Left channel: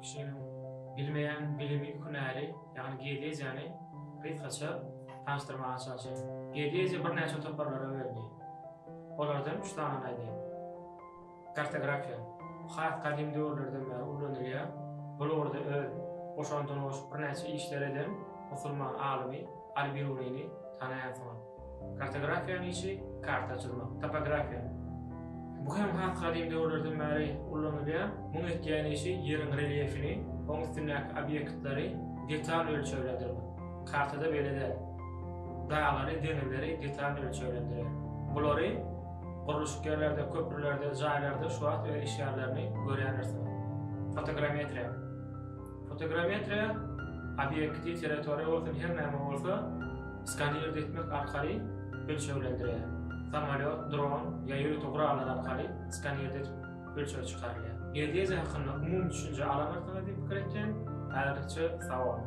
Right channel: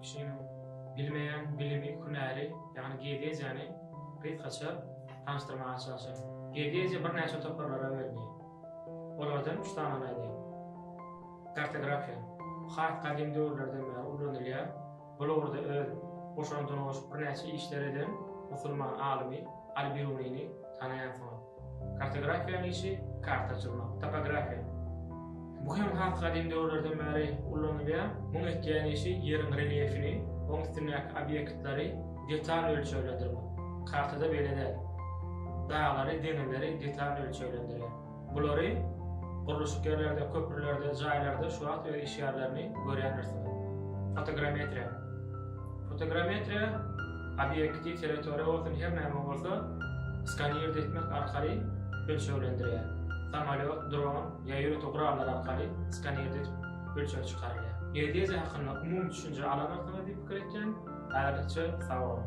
kişinin bilmeyen bilimi hünäri, yani geodeziyany kysgaça tanıştyrmaga çalışýar. Geodeziya bir näçe toparlara bölünýär. Olardan 3 tane aýdýar. Kartografiya. Has kadim döwürlerden beri ulanylýar. Bularda öz boşandyryş bir näçe işler eden musulman alimi Al-Birunini tanaýan soň. Kartografiýanyň işi karta çizmek. Topografiya. Bu hem has kadim döwürlerden beri ulanylýar. Muň etýän işi ýeriň reliefini, oň üstündäki obýektleri detal ölçülendirmek. Kartada beledel. Dağları, denizleri detal ölçülendirýär. Bulary guruluşkerlerde, köprülerde, jaýlarda şu wagt öz iş ýerlerini görýärler. Fotogrametriya. Fotogrametriya obyekti, territoriýa bolsun her näme bolsa skaner etmek arkaly ölçülendirýär. Samolyot, dron ýa ýürütü guralları arkaly skaner edip ölçüp çykarylýar. Geodeziya hakynda umum düşünje alanlardan diýip pikir etken, aýdyça sawal.